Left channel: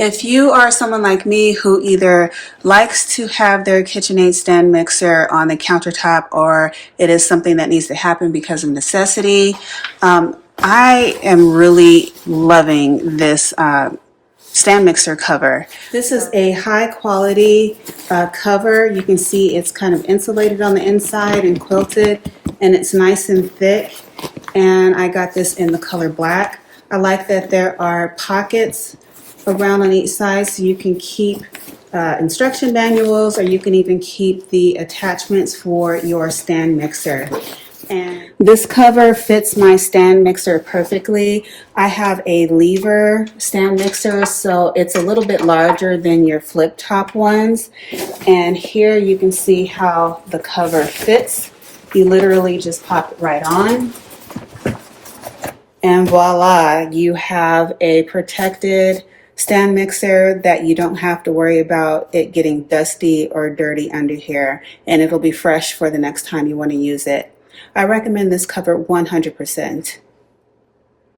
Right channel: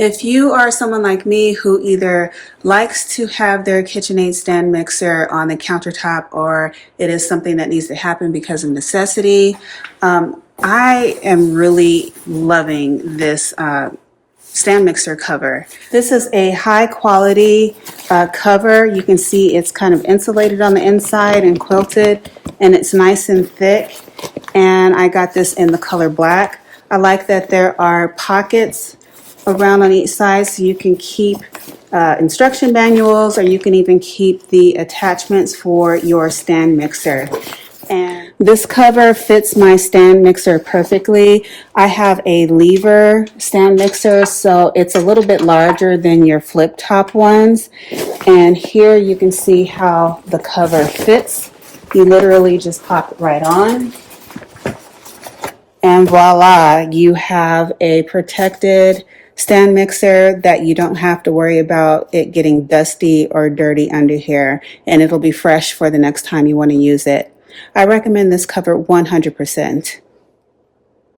If you are someone like me who either likes to have their KitchenAid stand mixer on the countertop or it is something that needs to happen because of necessity, I am really loving this stand mixer cover. This is a high quality cover. You can see it's kind of insulated on the inside and quilted, and it's nice and thick. And I got this in the color black. I like that there are pockets around on each side so you can keep instruction manuals, or you can even keep the attachments for your stand mixer. And this cover fits my stand mixer perfectly. I have a lever stand mixer, so it's a little bit larger than your flip top ones. And here you can see how the cover fits. You literally just pop it right on. And voila, you have a protected stand mixer that you don't have to worry about it getting dusty or dirty under here, and it'll be fresh for the next time you want to use it. I recommend this cover 100%.